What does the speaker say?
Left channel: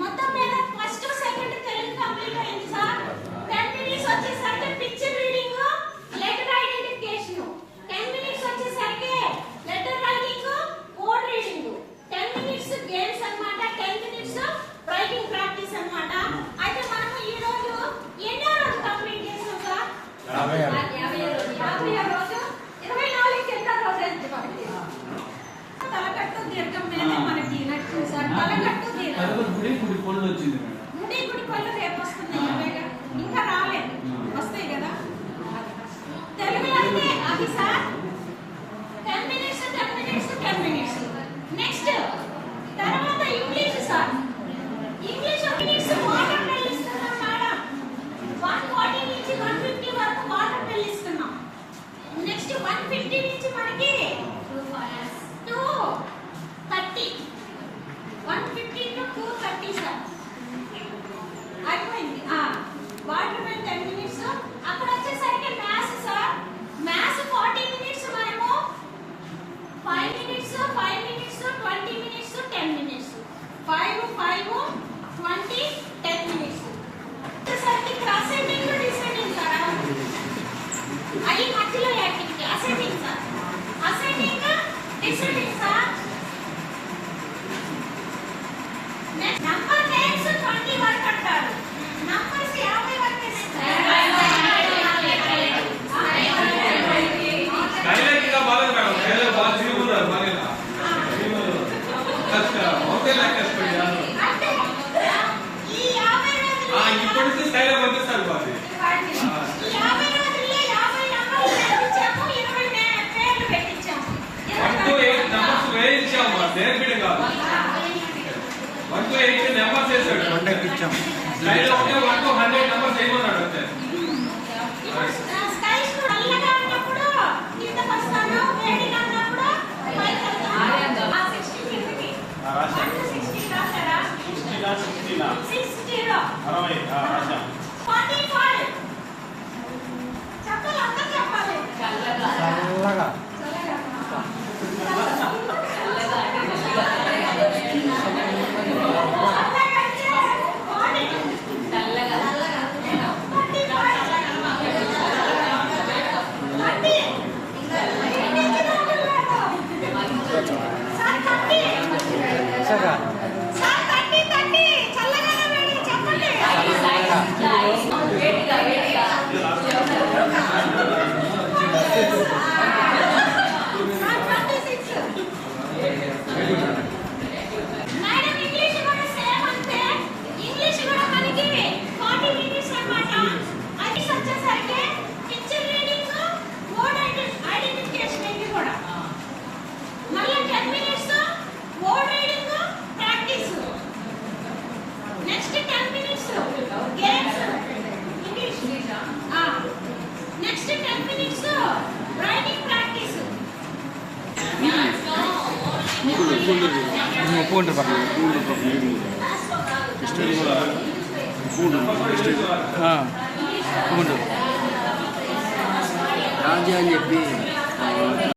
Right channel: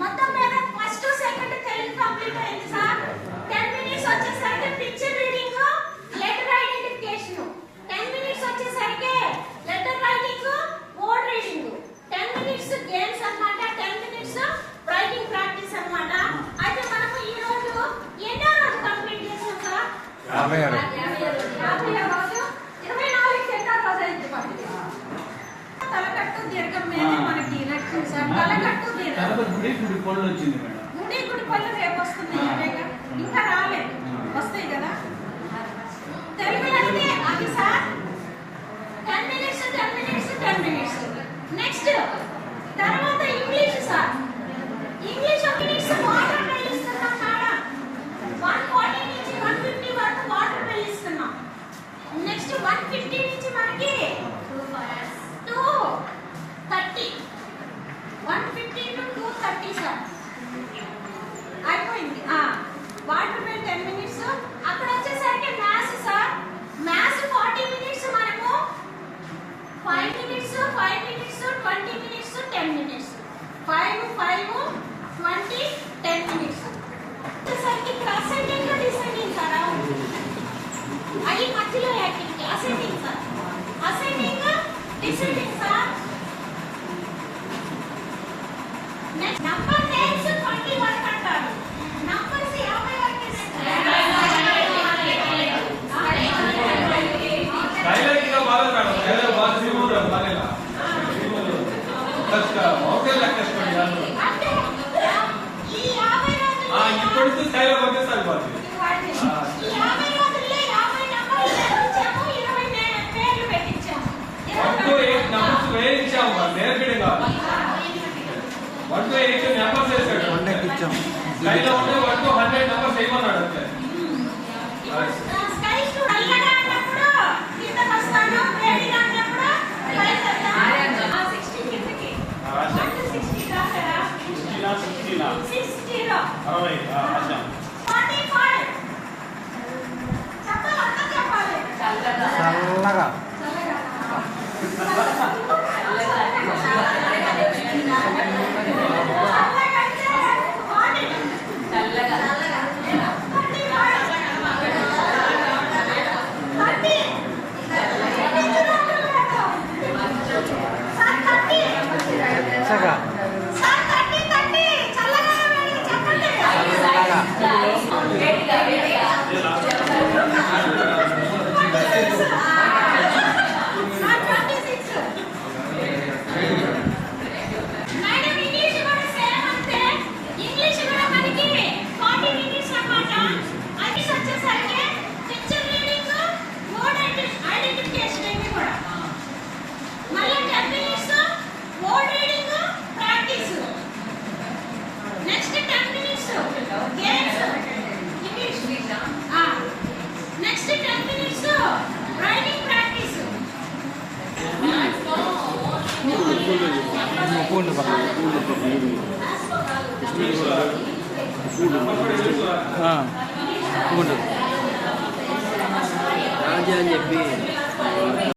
మొత్తం మీద first second Telugu complete అయింది సార్. 10 మినిట్స్ వచ్చేసరికి picture reading, letter identification. 10 minutes వచ్చేసరికి letter writing, word reading. 10 minutes games అన్నమాట. 10 మినిట్స్ రైటింగ్ ప్రాక్టీస్ అన్నమాట. అయితే మనం ఈ రోజు ఎన్నో రోజు కంప్లీట్ చేసాం సార్? 50 రోజు. 24 ఎన్నో రోజు అయింది మనకి. తలకట్టు దీర్ఘం మీద మనకి నచ్చింది సార్. తలకట్టు దీర్ఘం. గుడి పళ్ళు వచ్చింది మేడం. గుడి పళ్ళు రేపు వస్తుంది. ఇంకా రాలేదు, వస్తాయి కదా. తెలుగులో అంటే అది sir 10 minutes 10 minutes 10 minutes. Next తర్వాత ఇంగ్లీష్ సార్. ఇంగ్లీష్ మినిట్స్ వాటర్ పిలుస్తున్నాం మేడం. 140 నుంచి 150 వరకు వాటర్ పిలుస్తున్నాం. నెక్స్ట్ 150 నుంచి మనకి 230. 150 to 230 సార్. అయిపోయింది. Water bill 10 minutes. అక్కడ వచ్చేసరికి మ్యాథ్స్ సార్. Maths 40 minutes. మనము 5 minutes 5 minutes 20 minutes 10 minutes. 5 5 20 10 minutes. వచ్చేసరికి ఇక్కడ అసైన్మెంట్ డిసైడింగ్ సార్. అవి మధ్యలో activity assigning sir. Assigning deciding sir. Next number names 20 వరకు అంటారు. నంబర్స్ 50 వరకు స్కైలైట్ గా బాగా కాదు. స్కైలైట్ బాగా జీవురా బాగా. కష్ట ఓకే లెక్కస్పడి యారు. అంటే ఈ 50 రోజుల్లో ఇప్పుడు స్కైలైట్ వచ్చేసారు బాగా. ఈ 50 రోజుల్లో 50 నంబర్లు పెట్టించాము. 20 పేర్లు పెట్టించాము. 1 to 8 నంబర్స్ వేయించాము. నేర్పిడి కాదు. 1 to 8 నంబర్స్ వేసాడు. కాంటాక్ట్ ఇచ్చాం. స్కైలైట్ ఉంటే 1 to 100 నంబర్స్ వేయమన్నాడు అంతే. స్కైస్ నల్లగా అన్నప్పుడు కిందకి వస్తాను. వేడిగా అన్నప్పుడు పైకి వెళ్తాను. 60 కిందకి. 60 రాసారా? 60 60 రాశాం. 45. చెప్పాలి, అంతా చెప్పాలి. చల్లగా ఫోన్ అని చెప్పి